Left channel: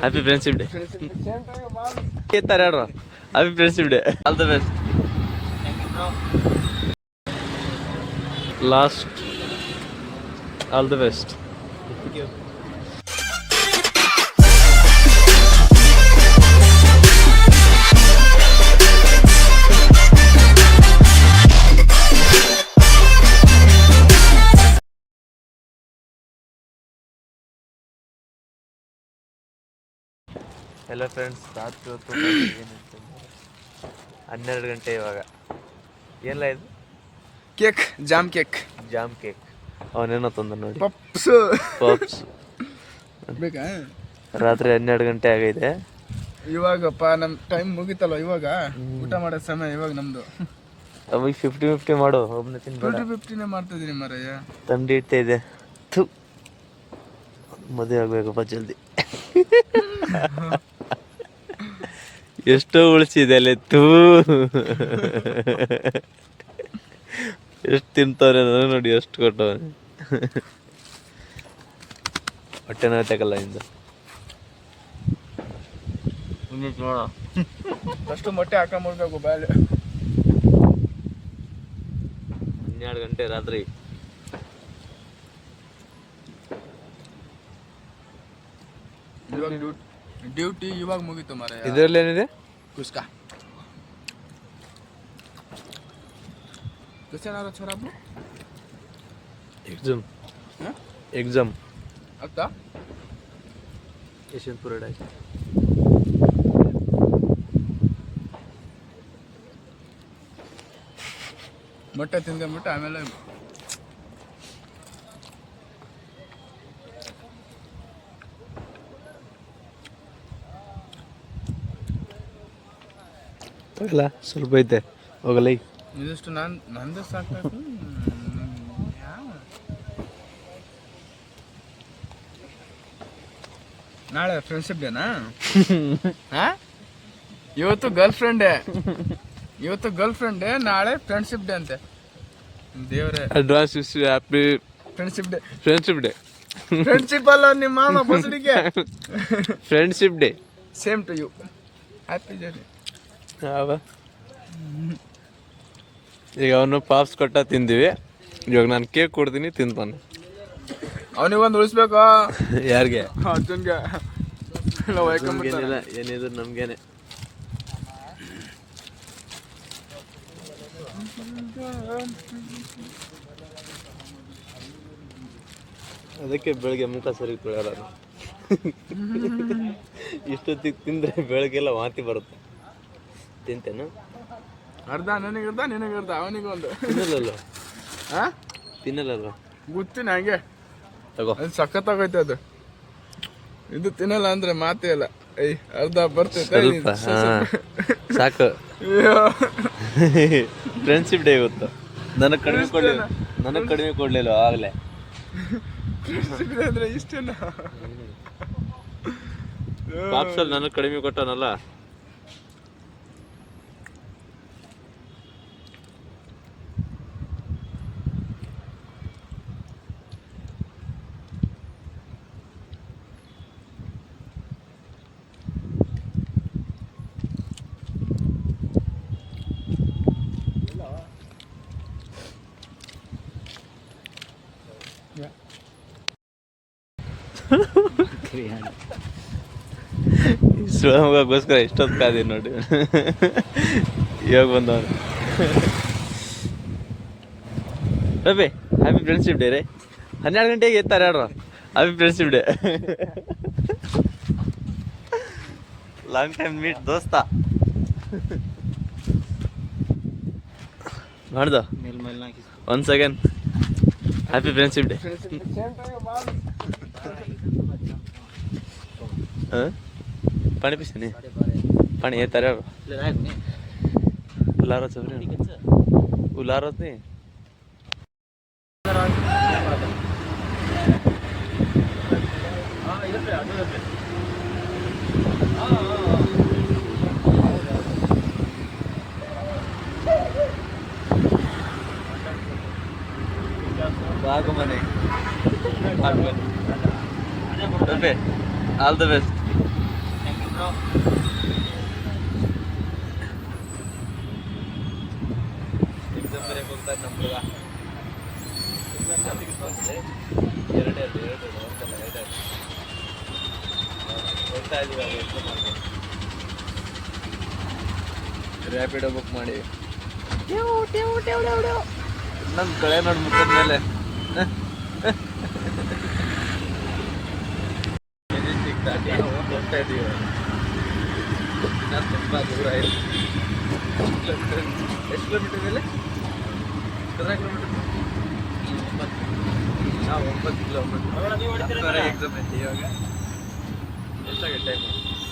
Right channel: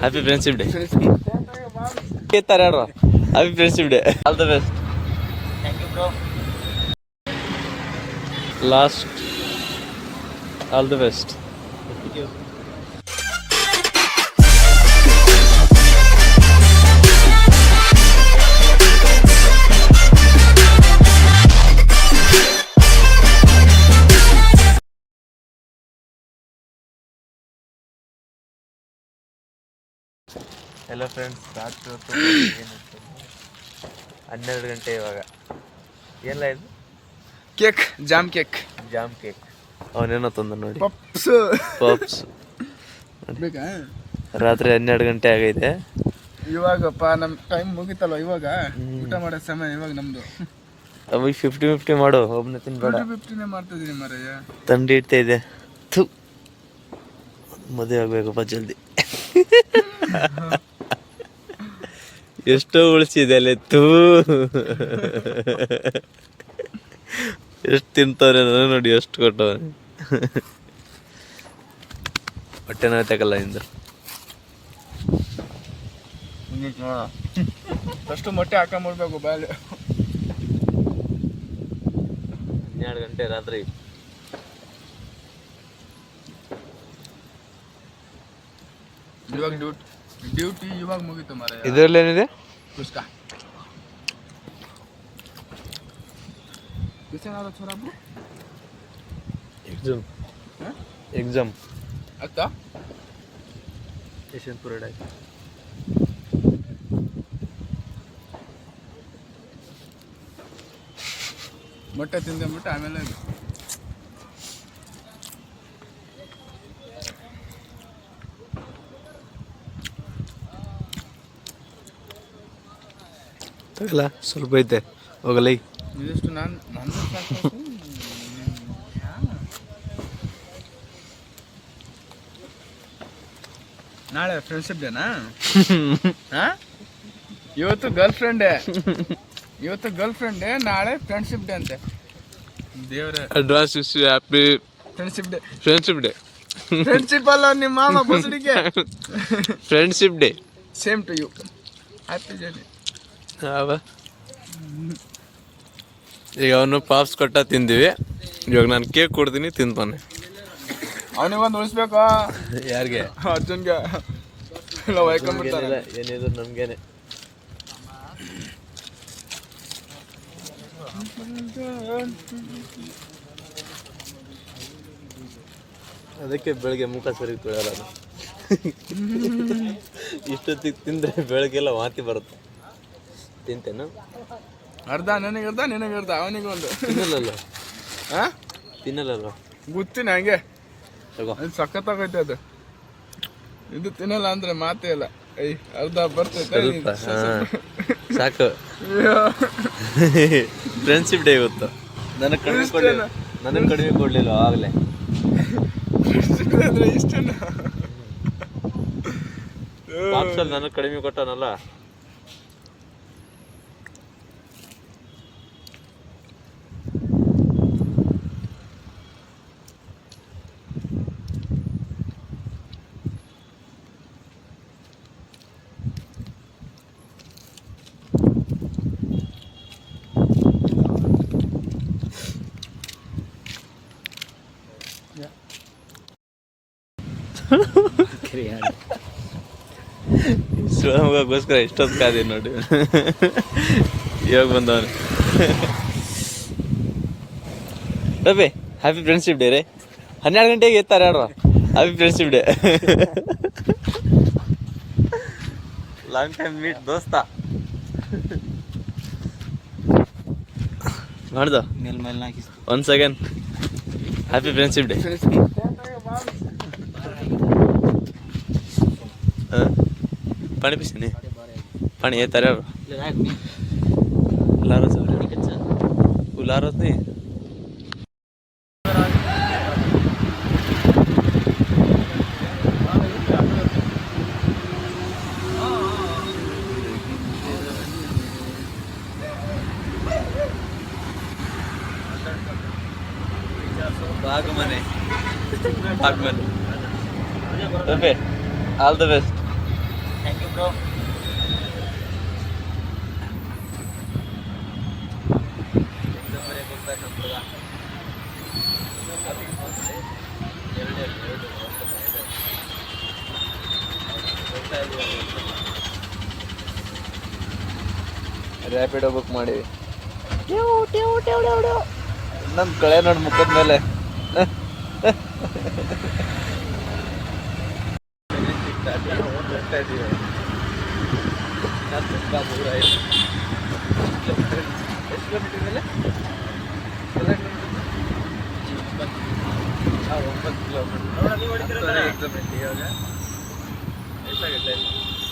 Happy friendship day. ಕೇಳ್ತಾರೆ ಹೇಳ್ರ. Happy friendship day. All the best. Last all the best. Hello friends, ರಾತ್ರಿ ಹೊತ್ತು ಏನಿತ್ತು 12 ಗಂಟೆ ಇವಾಗ. ಏನಿಲ್ಲ ಇದು ಕೇಕ್, ಜಾಮ್ ಕೇಕ್. ಅವನೇನೋ ತಂದ ನೋಡಿ, ಪಪ್ಸ್ ಬೇಕಾ? ರಾತ್ರಿ 12 ಗಂಟೆ ಆಗೈತೆ. ಇವಾಗಪ್ಪ ನಮ್ಮ ಟೈಮ್ ಮುಗಿತಲ್ಲ, ಇವಾಗ ಊಟ ಮಾಡೋ ಸಮಯ ಇವಾಗ ನಮ್ದು. ಅವಾಗ 50-50 ಮಾಡು, ಒಬ್ಬನೇ ತಿನ್ಬೇಡ. 50-50 ಮಾಡ್ತಾ ಇದೀನಿ ಮಾರಯ್ಯ. ತಂಡಿ ಇಡ್ತಾ ಇದೆ. ಮದುವೆ ಆಗ್ಬೇಕಪ್ಪ ಜಲ್ದಿ. ಎಷ್ಟೋ ಉಳಿಸಿದೆ ಅಲ್ಲಿ. ಎಷ್ಟು ತಿಂತವ್ರೆ ನಾನು ನೋಡಿ, ಎಷ್ಟು ಕೊಟ್ಟವನೆ. ಹೊಟ್ಟೆ ನೋಯ್ತಕ್ಕಲ್ಲ ಇಂದ. ಫಸ್ಟ್ ಮೊಟ್ಟೆ ಹಾಕೊಂಡ್ಬಿಡ್ಬೇಕು ಬಾಯಲ್ಲಿ. 12 ಗಂಟೆ ರಾತ್ರಿ. ಇವಾಗ ಡ್ಯೂಟಿ ಇವಾಗ ಮುಗೀತು ಮಾರಾಯ. ಇದರಲ್ಲಿ ಏನಿದೆ? ಕುಸ್ಕಾ ಎಕ್ಸಾಮ್ ಅತ್ತ ಯಶವಂತಪುರ ಆಯ್ತು. ಮೊಟ್ಟೆ ತಿಂದ್ಕೊಂಡ್ಬಿಟ್ಟು ಆಮೇಲೆ ತಗಲ್ಲ, ಸ್ವಲ್ಪ ಐತೆ ಹೋಗಲ್ಲ. ಇದಷ್ಟು ನಂದು ಸಾಕು. ನಾಳೆ ಫ್ರೆಂಡ್ಶಿಪ್ ಡೇನಾ? ಇವತ್ತು ಗರ್ಲ್ ಫ್ರೆಂಡೇ, ನಾಳೆ ಫ್ರೆಂಡ್ಶಿಪ್ ಡೇ ಅಂತೆ. ದೇವ್ರೆ, advance happy friendship day. Friendship ಅಲ್ಲ ನಿಮ್ಮ ಮಾಮ ಬಸಡಿಗೆ. Friendship day. Same to you. Happy journey. ಈಗ ಅವನು ಪಾಪ್ಸ್ ಕೊಟ್ಟ ತಿಂದಿವಿ. ಇವಾಗ ನಾನು ಕೇಕ್ ಕೊಡ್ತೀನಿ, ತಿಂತಾನೆ. ಅವನಿಗೊಂದು ಉಳಿಸ್ಬೇಕು. ಯಾರಿಗೆ? ತಿನ್ಗೆ ಏನಿದ್ರು ನಮ್ಗೇನೆ. ಅದಕ್ಕೆ ಬೆಳಗ್ಗೆ ಮುಖ ಸರಿ ತೊಳೆಯಲ್ಲ. ಇಷ್ಟೊತ್ತಿಗೆ ತಿಂದರೆ ಬೆಳಗ್ಗೆಲ್ಲ ವಾಂತಿ ಬರುತ್ತೆ. ತಿಂತೇನು? ಅರ್ಧ ನನಗರ್ಧ, ನಿನಗರ್ಧ, ಅವನಿಗೊಂದು. ತಿನ್ನಲ್ಲ ಗೊತ್ತಿನ ಹಂಗೆ ತಗೋ. ಅದು ಸಖತ್ತಾಗೈತೆ ಅದು. ಇದು ತಿನ್ನಲ್ಲ ಅಂದ್ರೆ ಮಾತೇ ಇಲ್ಲ. ಅರ್ಧ ಬರ್ತೈತೆ ಸಾಕು. ಫ್ರೆಂಡ್ಶಿಪ್ ಡೇ ಇವತ್ತು. ನನಗೆ ಕಡಿಮೆ ಕೊಡ್ಲಿಲ್ಲ ಆಗಲೇ. ಇಷ್ಟೇನ ಪಾಪ್ಸಲ್ಲಿ ನನಗೆ ಕಡಿಮೆ ಕೊಟ್ಟನಲ್ಲ. ಶಿವಮೊಗ್ಗಕ್ಕೋಸ್ಕರ ಎಷ್ಟೊತ್ತು ಕಾದಿ ನೋಡಿ. ಇವಾಗ ಬಂದವನು. ರವಿ, ಹ್ಯಾಪಿ ಫ್ರೆಂಡ್ಶಿಪ್ ಡೇ ರೀ. 12 ಗಂಟೆಗೆ ಎತ್ತಾರೆ ಹೇಳ್ರ. Happy friendship day. Long time meet ದೋಸ್ತ. ಮಾಡ್ದ once again happy friendship day. पानी पीछे नहीं पानी ये तारे उलारो से उलारो नहीं Bagman. All the best. Exam ಬರೆಯಕ್ಕೆ ಹೋಗ್ತಾ ಇದ್ದ ನಮ್ಮ ಹುಡುಗ. ಎರಡು ಒಂದಲ್ಲ ಇದೆ ಹೋಗ್ತಾ ಇದೀವಿ ರ್ಯಾಪಿಡೋ ಬುಕ್ ಮಾಡಿ ನಮ್ಮ ಕಳೆ ನೋಡಿ ಮುಖದ ಮೇಲೆ ಹೋಗ್ತಾ ಇದೀವಿ. ಇನ್ನ ತುಂಬ ದೂರ ಇದೆ. ಎಷ್ಟು ಕಿಲೋಮೀಟರ್ ಮೇಲೆ 9 ಕಿಲೋಮೀಟರ್ ಎಕ್ಸಾಮ್ ಐತಿ ಇವಾಗ. ಎಷ್ಟಾಗೈತೆ ಟೈಮ್?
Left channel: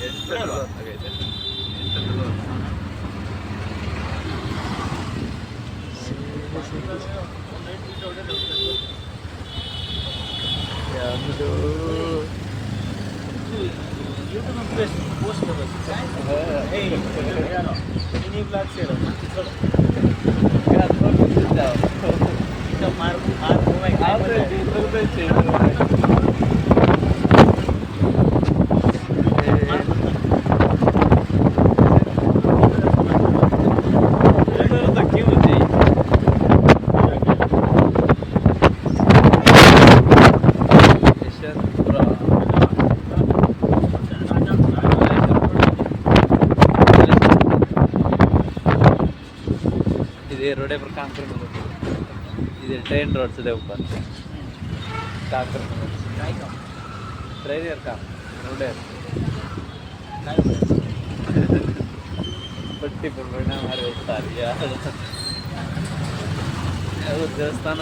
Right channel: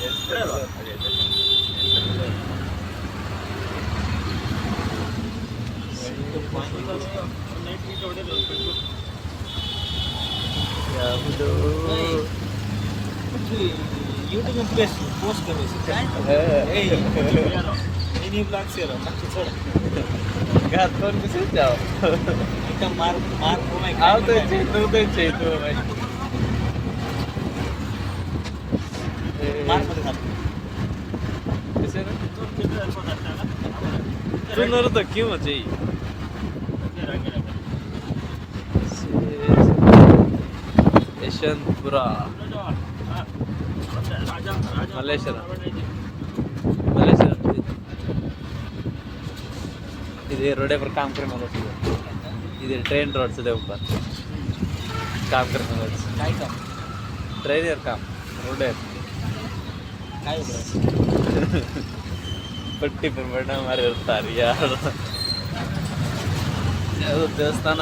8 ಆಗೈತೆ. 8 ಯಾವುದು YouTube में पोस्ट करो मिनी ब्लॉग से रहा ना छोड़ क्या तो किसी जाओ एकदम मार में आओ तो चाहिए तो क्यों चाहिए यशवंतपुरा इधर रोडे पर काम करने वालों इधर ट्रेन रोड से ऊपर काम करने वालों ट्रेन यार काम रोडे पट्टी पर बना हमारे उतार यार देवस्थान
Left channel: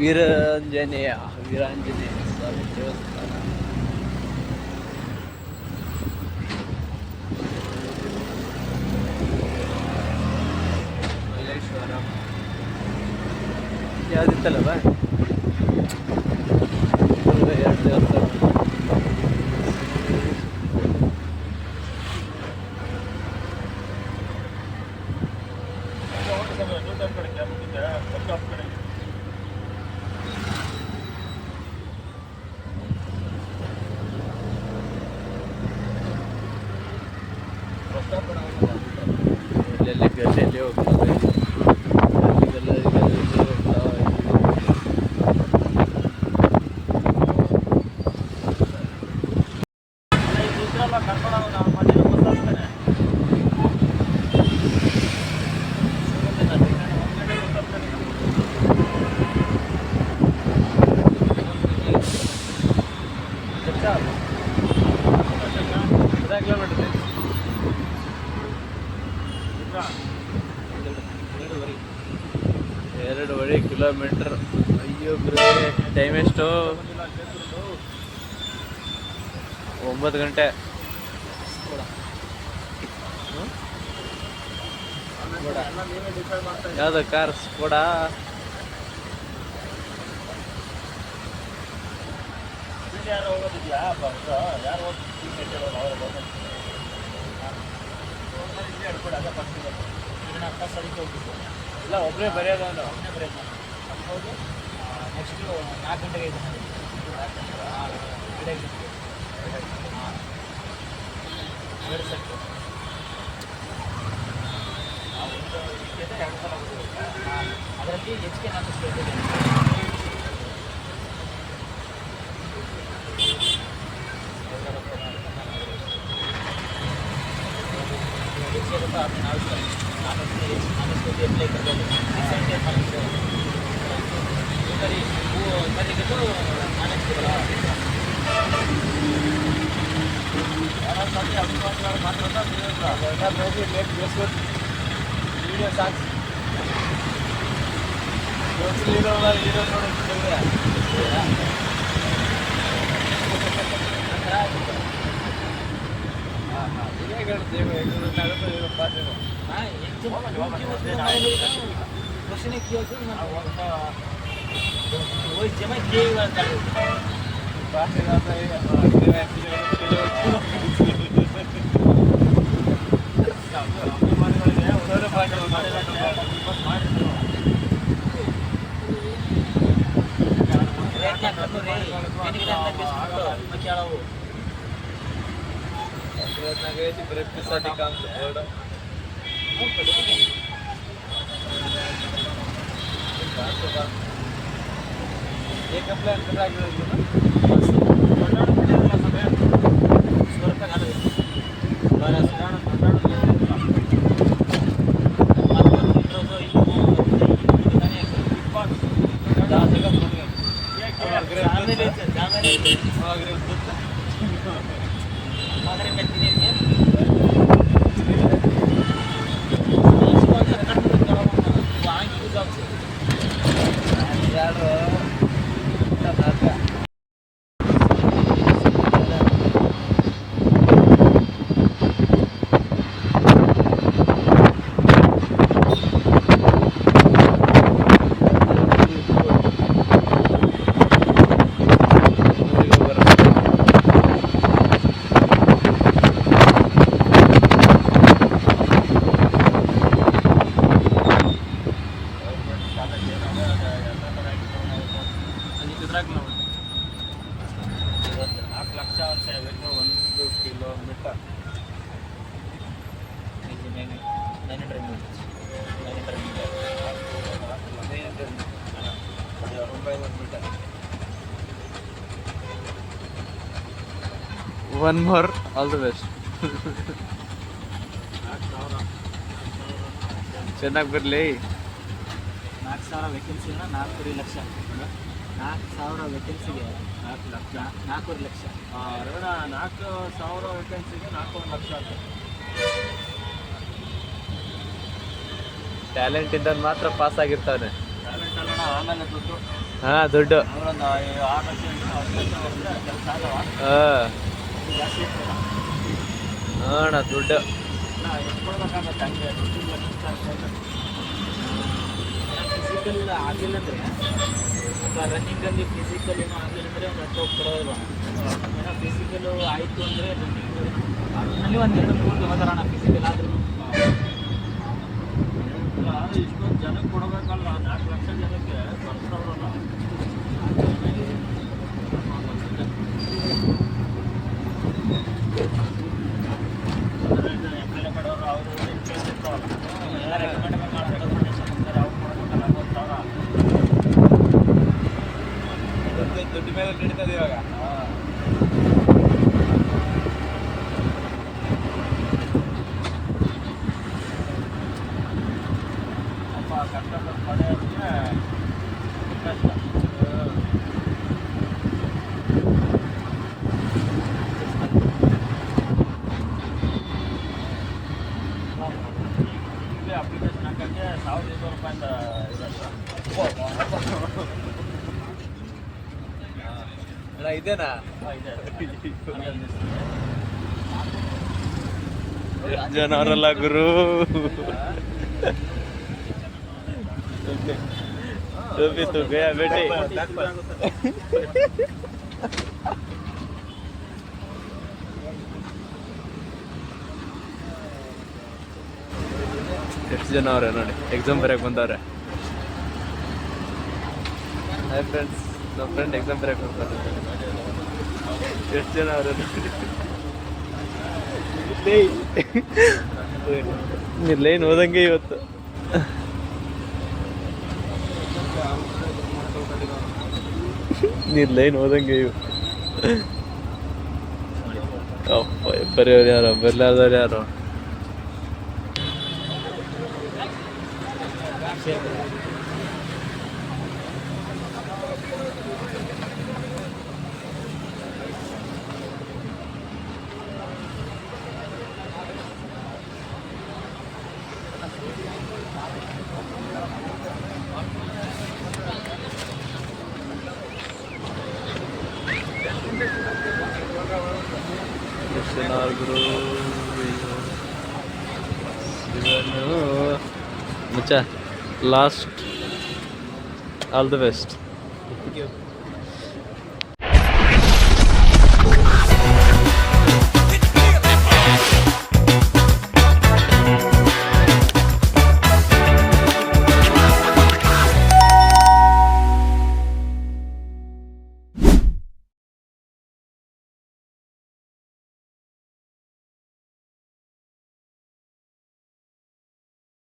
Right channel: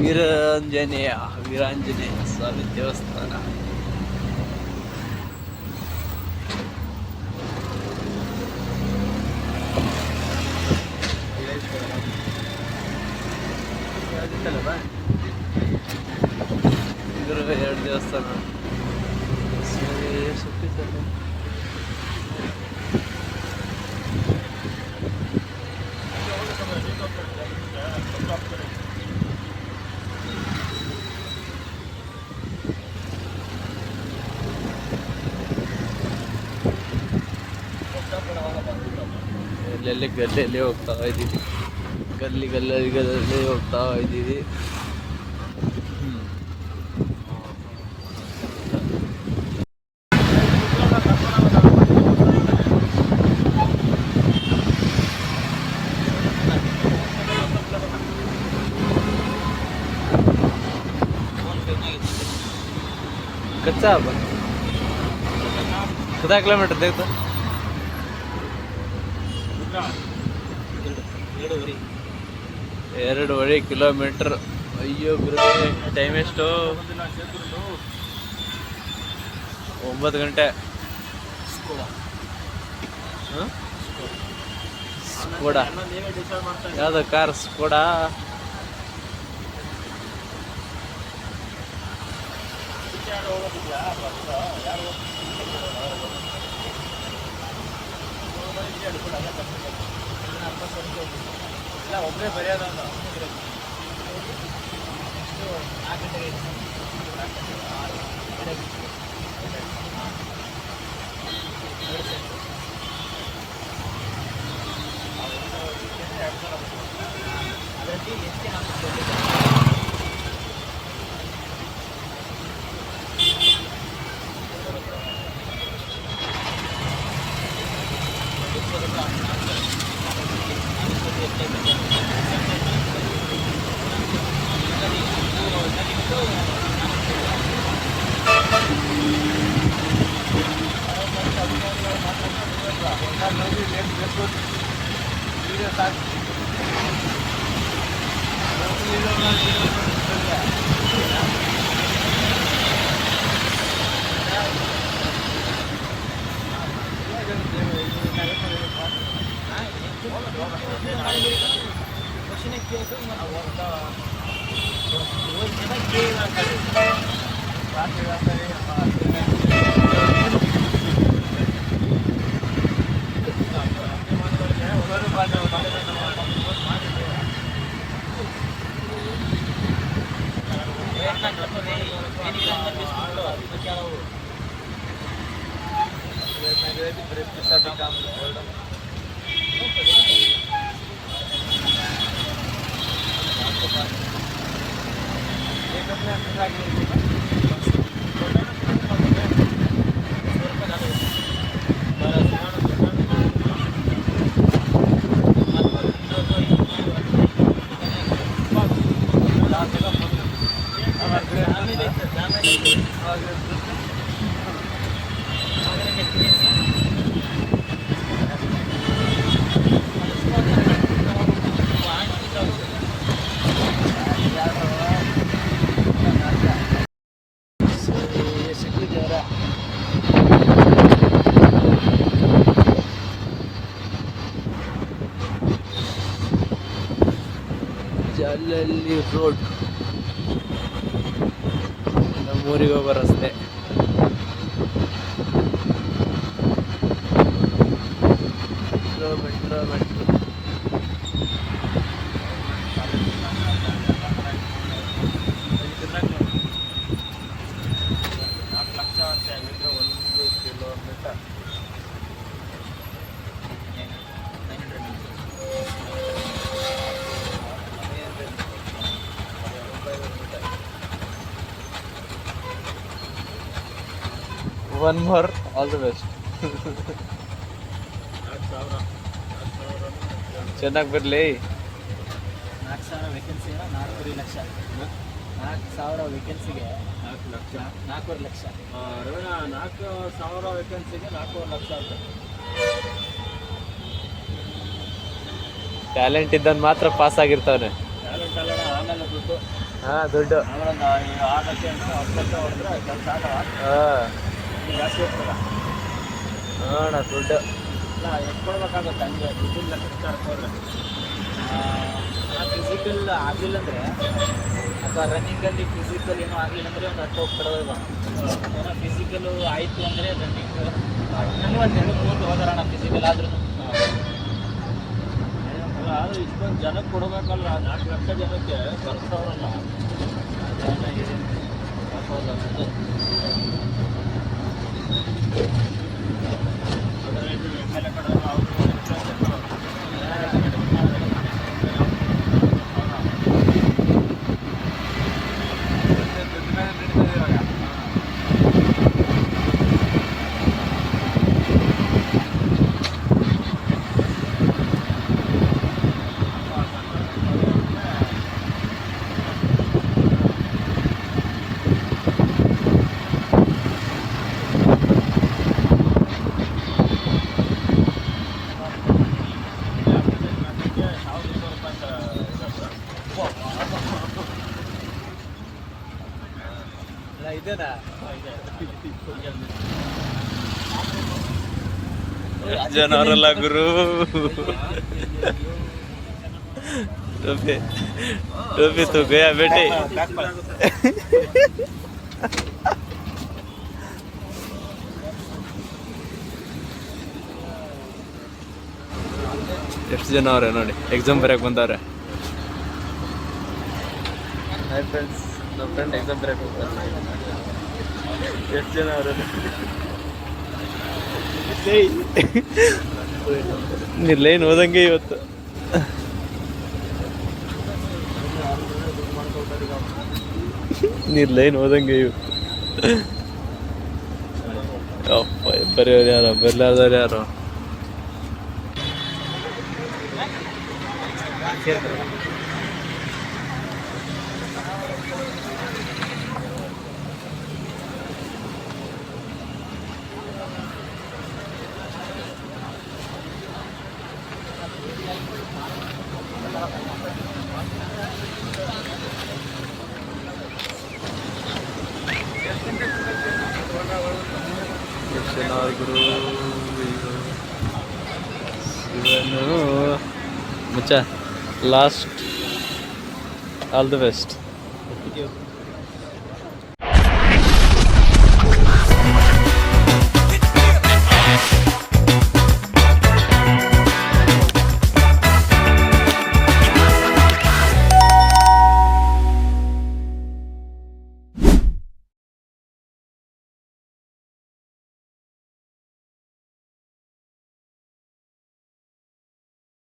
ವೀರಾಂಜನೇಯ ಸ್ವಾಮಿ ದೇವಸ್ಥಾನ. ಯಾವುದಿತ್ತಲ್ಲ ಇದ್ರ 2 ದೇವಸ್ಥಾನ. ಎಲ್ಲೆಲ್ಲಿ ಗಲ್ಲೆಲ್ಲಿ ಹೋಗ್ತಾ ಇದ್ದೀವಿ, ಗಲ್ಲಿ ಹೋಗ್ತಾ ಇದ್ದೀವಿ. कच्चा कितना किलोमीटर थे तो 2.5 ಕಿಲೋಮೀಟರ್. ಅಯ್ಯೋ ಗುರುವೆ ಟೈಮ್ ಎಷ್ಟು? 9 ಗಂಟೆ. ಸ್ಕೋಡಾ ಯಾವ್ದು ಕಾರ್? ಸ್ಕೋಡಾ ಇಲ್ಲ ಒಬ್ಬರೇ ಬರೆಯೋದು ಅಂದ್ರೆ ನೆಕ್ಸ್ಟು 4 ಗಂಟೆಗೆ ಅದರಲ್ಲಿ ಹೆಚ್ಚಿಗೆ ವೀಡಿಯೋ ಸಾಕು. ವೀಡಿಯೋ बरे पिसाठी काम एवढं एक आपल्या अंतर लागलं ಊರಿಗೆ ಬರುತ್ತೆ. ಒಂದು kilometre one more all the best. ಚೆನ್ನಾಗಿ ಬರಲಿ. 4,000 ವೇಕೆನ್ಸಿ 4 ಲಕ್ಷ. 4,000 ವೇಕೆನ್ಸಿಗೆ 4 ಲಕ್ಷ. 4,000 ವೇಕೆನ್ಸಿಗೆ 4 ಲಕ್ಷ. ಟ್ಯಾಲೆಂಟ್ ಇದ್ದನ್ ಮಾತ್ರ ಪಾಸ್ ಆಗಿರ್ತಾವನೆ. ಆಮೇಲೆ ದುಡ್ಡು ಹಾ ದುಡ್ಡು ಒಂದು 6 ಲಕ್ಷ 10 ಲಕ್ಷ ಹೋದ್ರೆ ಕೆಲಸ ಆಗಲ್ಲ. ಜಾಸ್ತಿ ಇರ್ತದ. ಅಣ್ಣ ದುಡ್ಡು ಎಷ್ಟು ಕೊಡ್ಬೇಕಾಗತ್ತೆ ಹಂಗೆ ದುಡ್ಡಿಲ್ಲ ಫಿಸಿಕಲ್ ಆಗಲಿಲ್ಲ ಅಂದರೆ ಅಥವಾ ರನ್ನಿಂಗಲ್ಲಿ ಫಿಸಿಕಲ್ ಏನೋ ಆಗಲಿಲ್ಲ ಅಂದರೆ ಒಂದು 10 ಹೋಗ್ತಾರೆ ಏನೋ ಫಿಸಿಕಲು ಆಯಿತು ಅಂದರೆ ರನ್ನಿಂಗ್ ಅದರಲ್ಲಿ ಒಂದು 2-3 ಹೋಗೋಣ ಫಿಸಿಕಲ್ ಆದ್ರೂ ಇಷ್ಟೊಂದು ಜನಕ್ಕೆ ಕೊಡಬೇಕಲ್ಲ 4 ಲಕ್ಷ ಜನಕ್ಕೆ ಬರ್ತಾವ್ರಲ್ಲ ದುಡ್ಡು ಮೇಲೆ ನಡೀತದೆ ಇವಾಗ. ಇದೇನಾ ಎಷ್ಟು ಜನ ಅವರಲ್ಲ ಗುರು. ಟೋಪಿ तो गया बेटे. ಎಷ್ಟು ಜನ ಅವ್ರೆ ನೋಡಿ ಎಕ್ಸಾಮ್ ಬರೆಯಕ್ಕೆ ಬಂದವ್ರೆ. ಹಾಯ್ ಫ್ರೆಂಡ್ಸ್, ನಮ್ಮ ಫ್ರೆಂಡ್ ಎಕ್ಸಾಮ್ ಬರೆಯಕ್ಕೆ ಬಂತಾರೆ. ಎಷ್ಟು ಜನ ಅವ್ರೆ ನೀರು ಲೈನ್ ಹೋದಂಗೆ ಇವತ್ತು. ನೀರು ಲೈನ್ ಹೋದಂಗೆ ಇವತ್ತು. ಅಪ್ಪ ಬರೆಯೋರು ಯಾರೋ ಬರ್ಲಾರ್ದವ್ರು ಯಾರೋ. ಗುರು ಇವನು ಮುಚ್ಚ ಲಾಸ್ಟ್ ಆಲ್ ದ ಬೆಸ್ಟ್.